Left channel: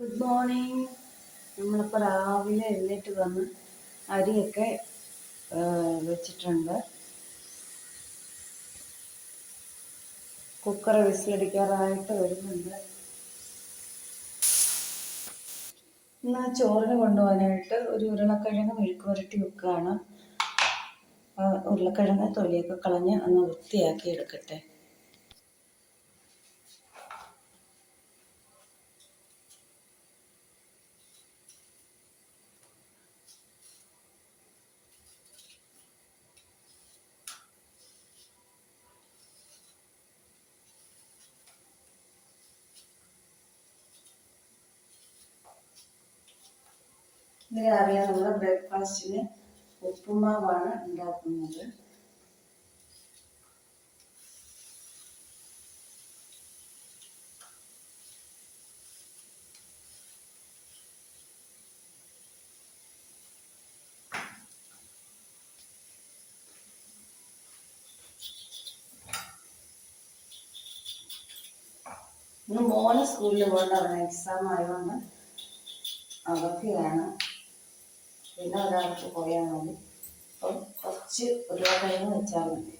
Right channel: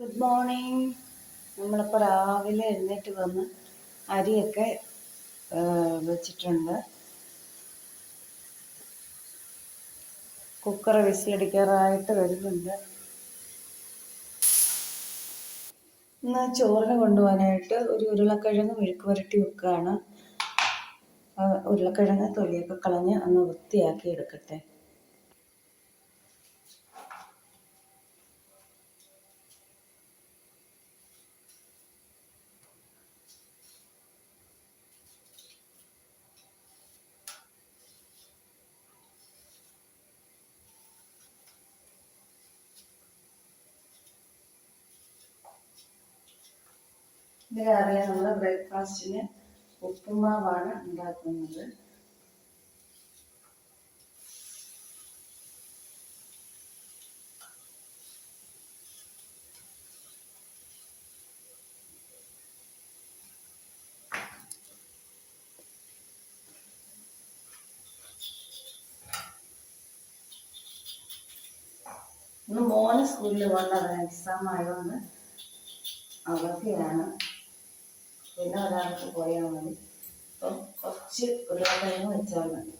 Good morning നമ്മളിപ്പോൾ രാവിലെ എഴുന്നേറ്റ് വന്ന് അരിയൊക്കെ വെച്ചിട്ടുണ്ട്. കുക്കർ വിസിലടിക്കാറായിട്ട് വരുന്നുണ്ട്. ഇന്ന് ചോറിന് കൊണ്ടുപോകാനായിട്ട് ഒരു ഉരുളക്കിഴങ്ങ് മെഴുക്ക് പുരട്ടി വെക്കുകയാണ്. ഉരുളക്കിഴങ്ങ് തൊലിയൊക്കെ കളഞ്ഞ് ഒന്ന് വൃത്തിയാക്കി എടുക്കട്ടെ. ഇത് രാവിലെ നമ്മൾ ബ്രേക്ക്ഫാസ്റ്റിന് ഉപ്പുമാവാണ് ഉണ്ടാക്കുന്നത്. ഇന്ന് മോന് സ്കൂളിൽ പോകേണ്ട അവന് എക്സാം ആയതുകൊണ്ട് അവധിയാണ് പിന്നെ ഒരാൾക്ക് പോയാൽ മതി. അപ്പം കുറച്ച് ഉരുളക്കിഴങ്ങ് വെച്ചാൽ മതി.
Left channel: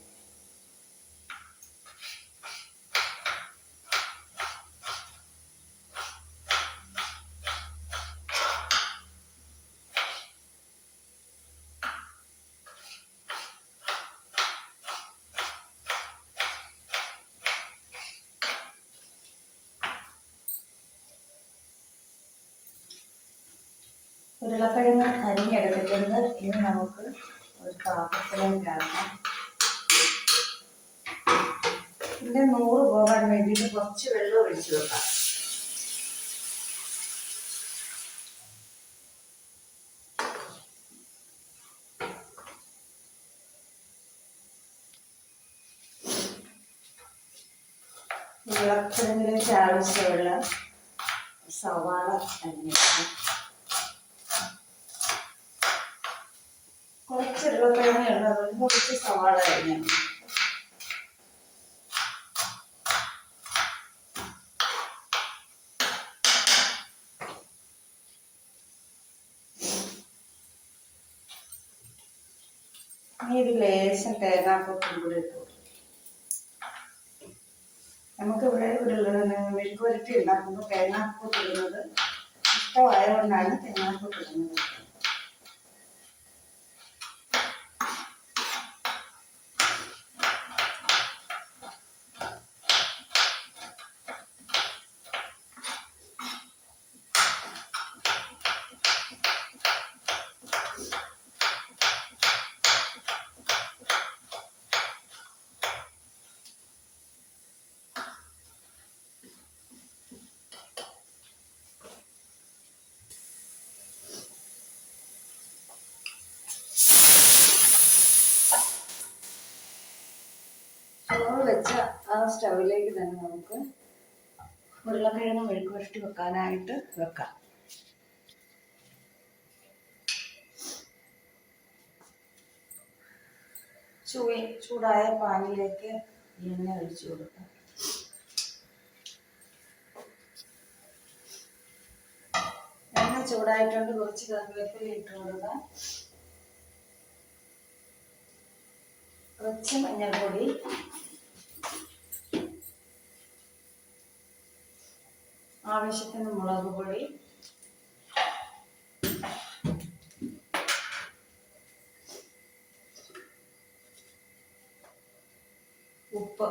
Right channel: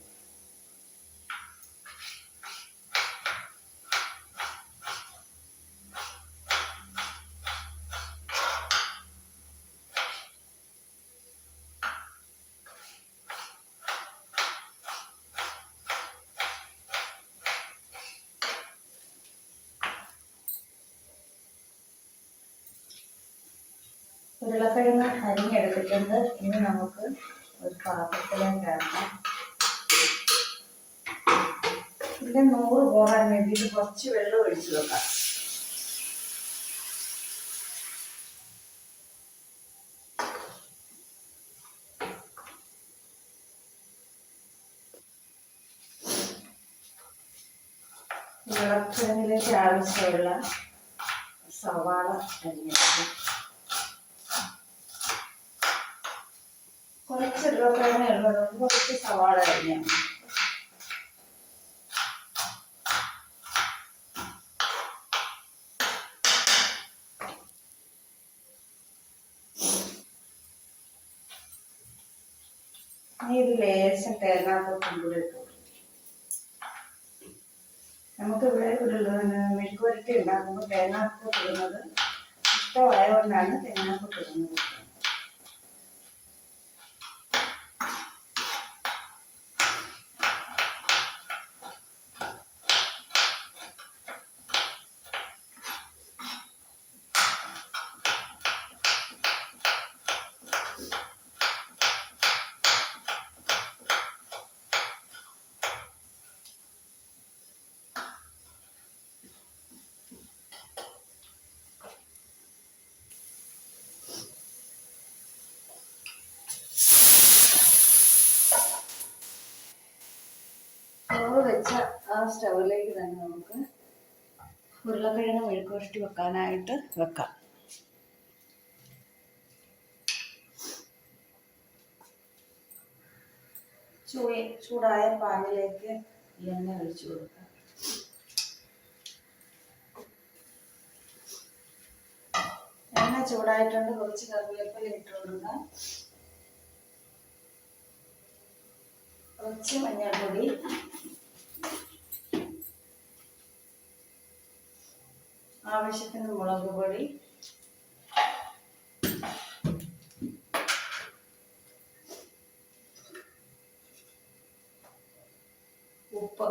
ഉരുളക്കിഴങ്ങ് അരിഞ്ഞെടുത്തിട്ടുണ്ട്. ഇനി നമുക്ക് ഒരു പാത്രത്തിലേക്ക് ആക്കാം ഇതിന്റെ നൂറ് പോകാൻ വേണ്ടിയിട്ട് കുറച്ച് വെള്ളം ഒഴിച്ചു വെക്കാം. ഉരുളക്കിഴങ്ങിലേക്ക് ആവശ്യമുള്ള സവാള അരിഞ്ഞെടുക്കാം. കുറച്ച് ഉരുളക്കിഴങ്ങ് ഉള്ളത് കുറച്ച് സവാള അരിഞ്ഞു ഇനി ഒരു ലേശം തേങ്ങാക്കൊത്തും കൂടി ഇട്ടു കൊടുക്കും. നമുക്ക് ഇവിടെ ഒരു മെഴുക്ക് പുരട്ടി ഉണ്ടാക്കുമ്പോൾ തേങ്ങാപ്പൊട്ടിടുന്നത് ഇഷ്ടമായതുകൊണ്ടാണ് തേങ്ങാക്കൊത്ത് ഇടുന്നത് ചോറ് വെച്ച ആ സ്റ്റൗവിലേക്ക് തന്നെ നമുക്ക് ഉരുളക്കിഴങ്ങ് മെഴുക്ക് പുരട്ടി വെക്കാനായിട്ട് വെക്കാം. ചൂയ ചൂടായ പാനിലേക്ക് എണ്ണ ഒഴിച്ചു കൊടുക്കാം. എണ്ണ ചൂടായിട്ടുണ്ട് കുറച്ച് കറിവേപ്പില ഇട്ട് കൊടുക്കാം. കുറച്ച് മഞ്ഞൾപ്പൊടി ആവശ്യത്തിന് മുളക് പൊടി. ഉപ്പ്.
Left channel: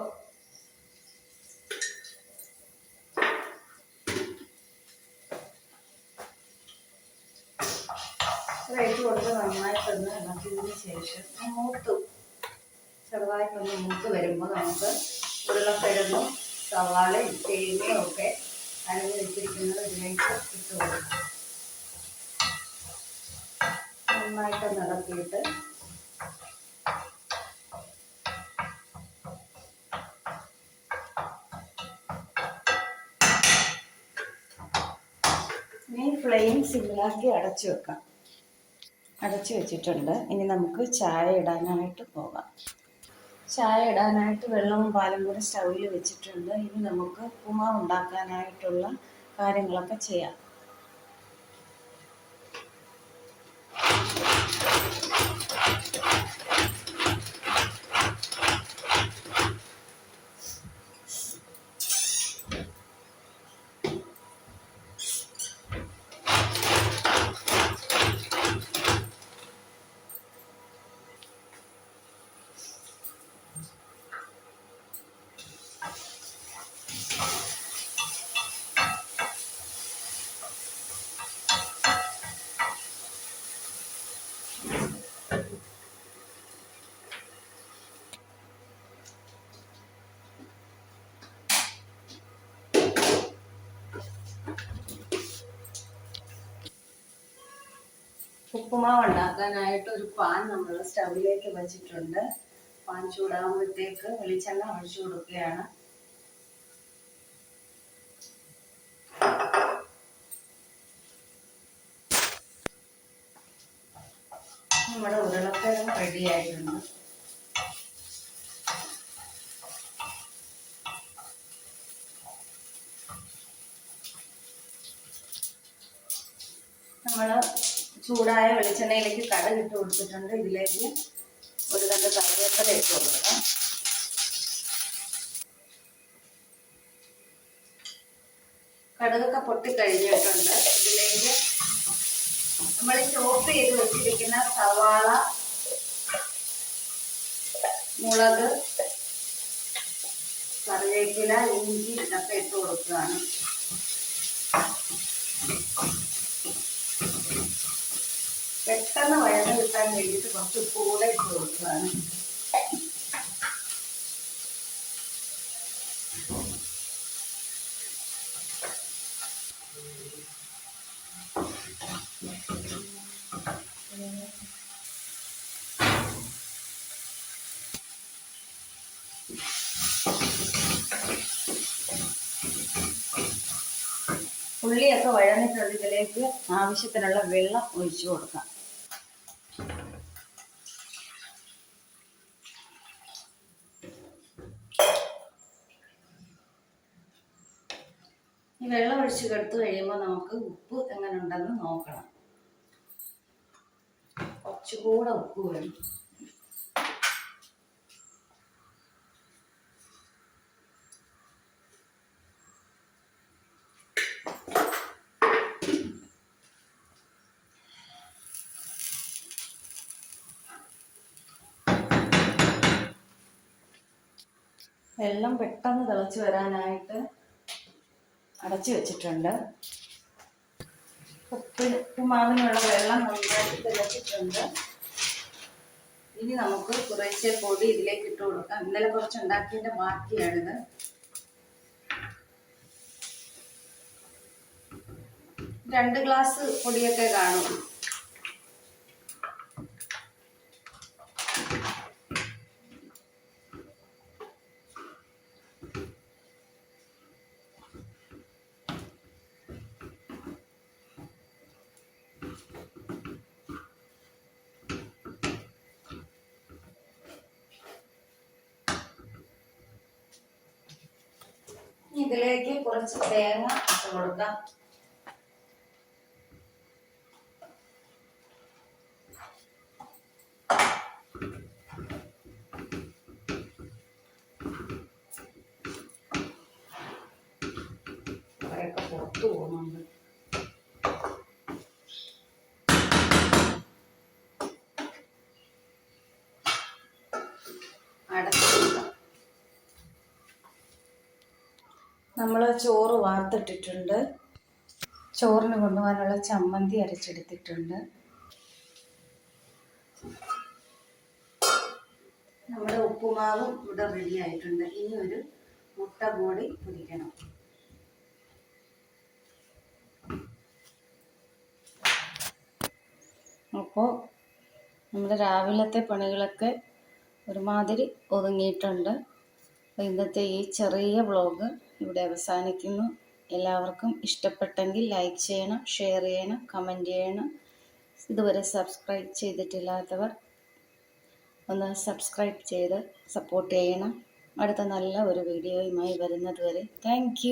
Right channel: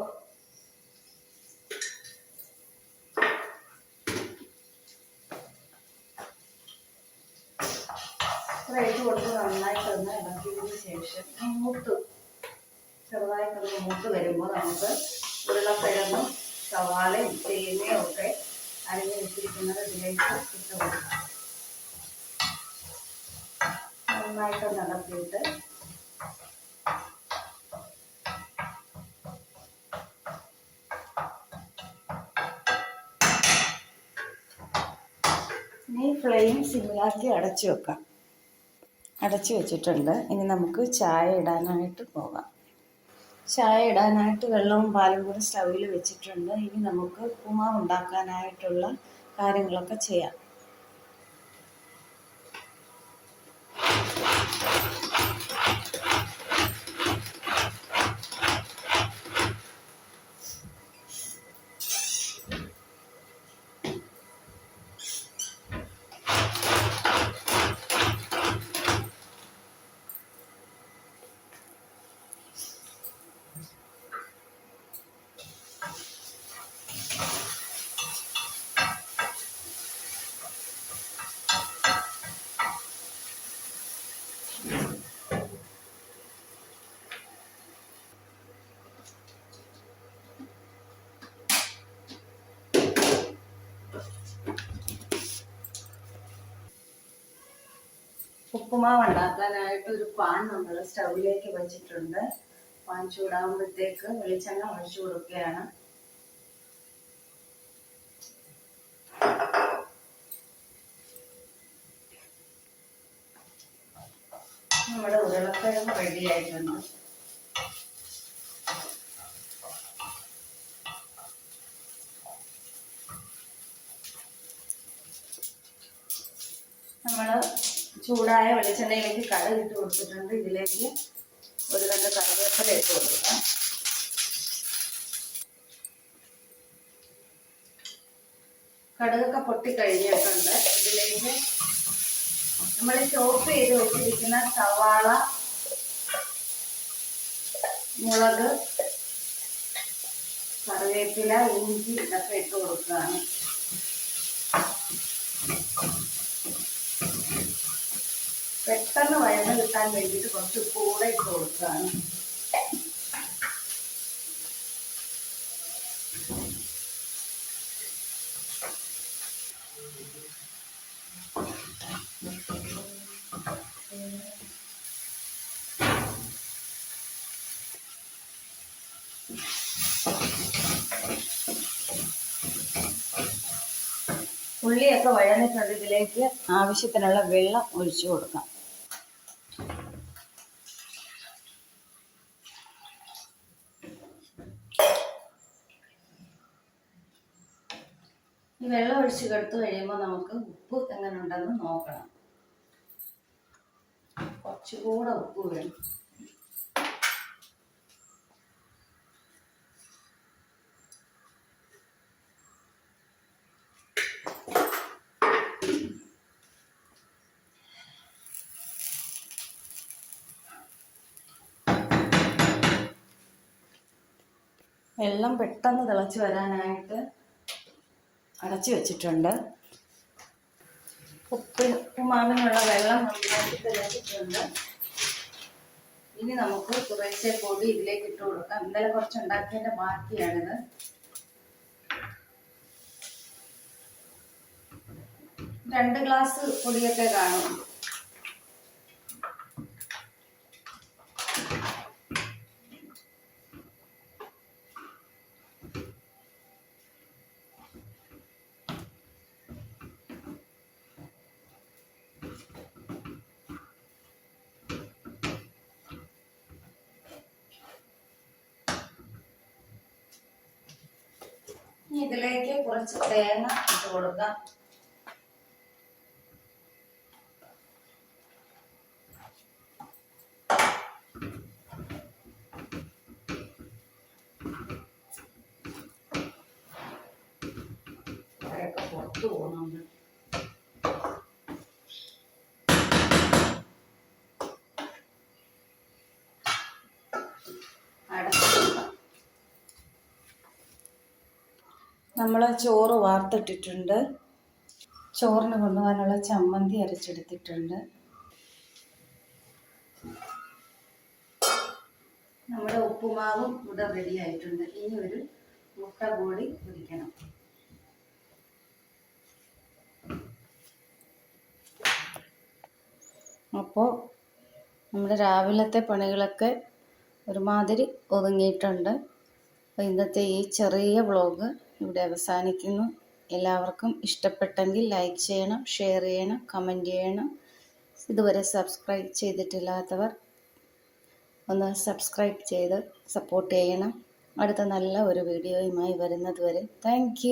ഇട്ട് കൊടുത്ത് നന്നായിട്ടൊന്ന് ഇളക്കിയതിന് ശേഷം മൂത്ത് ചെറുതായിട്ടൊന്ന് മൂത്ത് വരുമ്പോൾ നമുക്ക് ഉരുളക്കിഴങ്ങും സവാളയും തേങ്ങയും ഒക്കെ അരിഞ്ഞ് വെച്ചിരിക്കുന്നത് ഉപയോഗിച്ച് ഇട്ട് കൊടുക്കാം നന്നായിട്ടൊന്ന് ഇളക്കിയിട്ട് ഇനി ഫ്ലെയിം സിമ്മിലാക്കി അടച്ചു വെക്കാം. അടച്ചു വെച്ചിട്ടുണ്ട്. ഇനി നമുക്ക് ചായ ഇടാനായിട്ട് പോകാം. ചായ ഇടാനായിട്ട് വെള്ളവും പാലും കൂടി സ്റ്റൗവിൽ വെച്ചിട്ടുണ്ട്. ഇനി നമുക്ക് ഉപ്പുമാവ് ഉണ്ടാക്കാനായിട്ടുള്ള കാര്യങ്ങളൊക്കെ ചെയ്യാം. ഉപ്പുമാവ് ഉണ്ടാക്കാനായിട്ട് ഒരു പാൻ നമ്മൾ സ്റ്റൗവിലേക്ക് വെച്ചിട്ടുണ്ട്. പാൻ ചൂടാകുമ്പോഴത്തേക്ക് വെളിച്ചെണ്ണ ഒഴിച്ചു കൊടുക്കുകയാണ്. നമ്മുടെ ഉരുളക്കിഴങ്ങ് റെഡി ആയിട്ടുണ്ട്. നമ്മൾ ചൂടായ വെളിച്ചെണ്ണയിലേക്ക് കട ഇട്ട് കൊടുത്തിട്ടുണ്ട്. ഇതിലേക്ക് ഒരു കണ്ട് കറിവേപ്പില ഇട്ട് കൊടുക്കാം. കടുകൊക്കെ പൊട്ടിക്കഴിഞ്ഞിട്ടുണ്ട്. ഇതിലേക്ക് നമ്മൾ ചോപ്പ് ചെയ്ത് വെച്ചിരിക്കുന്ന സവാള മുളക് കറിവേപ്പില ഇഞ്ചി ഇതൊക്കെ ഇട്ട് കൊടുക്കുകയാണ്. പെട്ടെന്ന് വയന്ന് കിട്ടാൻ വേണ്ടിയിട്ട് കുറച്ച് കൂടെ ഇട്ട് കൊടുക്കുകയാണ്. ഉള്ളിയൊക്കെ വഴന്നിട്ടുണ്ട് ആവശ്യത്തിനുള്ള വെള്ളം ഒഴിച്ചു കൊടുക്കാം. വെള്ളം ഒഴിച്ച് കെടുത്തു കഴിയുമ്പോൾ നമുക്ക് ഉപ്പ് എങ്ങനെ ഉണ്ടെന്ന് നോക്കണം. കുറച്ചുകൂടെ ഉപ്പ് വേണം. വെള്ളം പെട്ടെന്ന് തിളച്ച് വരാനായിട്ട് അടച്ചു വെച്ചിട്ടുണ്ട്. ഉപ്പ് ഉപ്പുമാവിനുള്ള വെള്ളം നന്നായിട്ട് വെച്ചിട്ടുണ്ട് ഇനി നമുക്ക് കുറേശ്ശെ പൊടി ഇതിലേക്ക് ഇട്ട് കൊടുക്കാം. ഇന്നലെ കുറച്ച് ഉണ്ടാക്കിയതിന്റെ ബാക്കിയാണിത്. രണ്ട് ഗ്ലാസ് പൊടിയൊക്കെ കാണും. ഇതിലേക്ക് കുറച്ച് തേങ്ങ ഇട്ട് കൊടുക്കാം. കുറേയൊക്കെ കൊടുക്കാം നമ്മൾ ചോറ് വാർത്തിട്ടിട്ടുണ്ട്. ചോറിന് കൊണ്ടുപോകാനുള്ള ചമ്മന്തി അരച്ചെടുത്തിട്ടുണ്ട്. നമ്മുടെ ഉപ്പുമാവും ഇവിടെ റെഡി ആയിട്ടുണ്ട്. ഇനി ഒരു മുട്ട കൂടി പൊരിക്കണം അപ്പോൾ നമ്മുടെ രാവിലത്തെ പണികളൊക്കെ ഒരുമാതിരി ഒതുങ്ങിയിട്ടുണ്ട്. ഇന്നത്തെ ഈ ചെറിയ വ്ളോഗ് ഇവിടെ അവസാനിക്കുന്നു. എല്ലാവർക്കും ഇഷ്ടപ്പെട്ടെങ്കിൽ ലൈക്ക് ചെയ്യണം ഷെയർ ചെയ്യണം കമന്റ് ചെയ്യണം. ഇതുവരെ സബ്സ്ക്രൈബ് ചെയ്തിട്ടില്ലാത്തവർ ഒന്ന് സബ്സ്ക്രൈബ് ചെയ്ത് സപ്പോർട്ട് ചെയ്യണം. അടുത്ത നല്ല ഒരു വീഡിയോയുമായി വരുന്നത് വരെ. താങ്ക്